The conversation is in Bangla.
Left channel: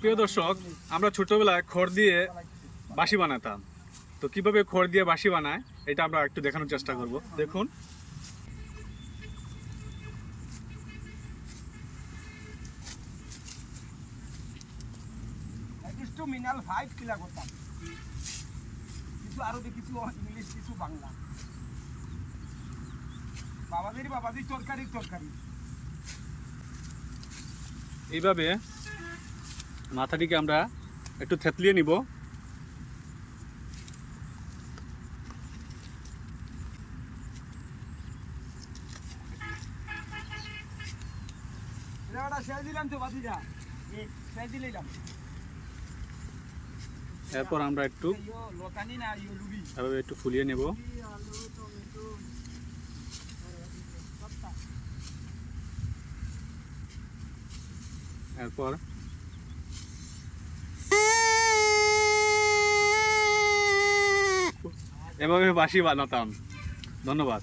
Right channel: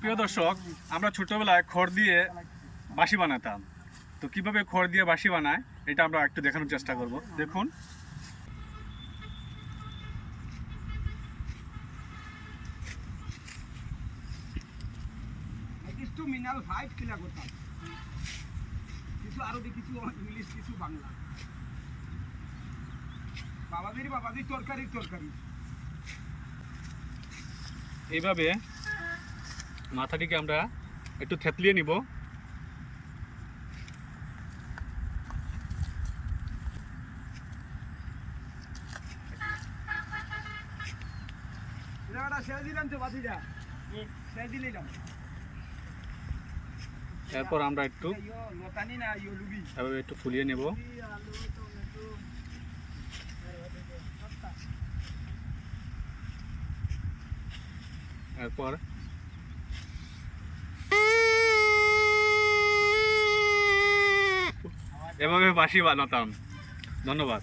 প্রিয় দর্শক আমরা ছোটবেলায় খড় দিয়ে বাঁশি বানাতাম। তো কীভাবে খড় দিয়ে বাঁশি বানায় এটা আমরা একটু দেখানোর চেষ্টা করব। দেখুন। মিনাল ফাইভ কিলা করতাম। কিছু ইংলিশ কিছু বাংলা। বাবাদের বাবাদের তরকারি তরকারি। এইভাবে মাথাটিকে আমরা একটু থেতলিয়ে নিব। এরপর আমরা একটু লতানি না লুবি। এভাবে একটু ফুলিয়ে নেব। এরপর এভাবে বাঁশি বানাতাম। ধন্যবাদ।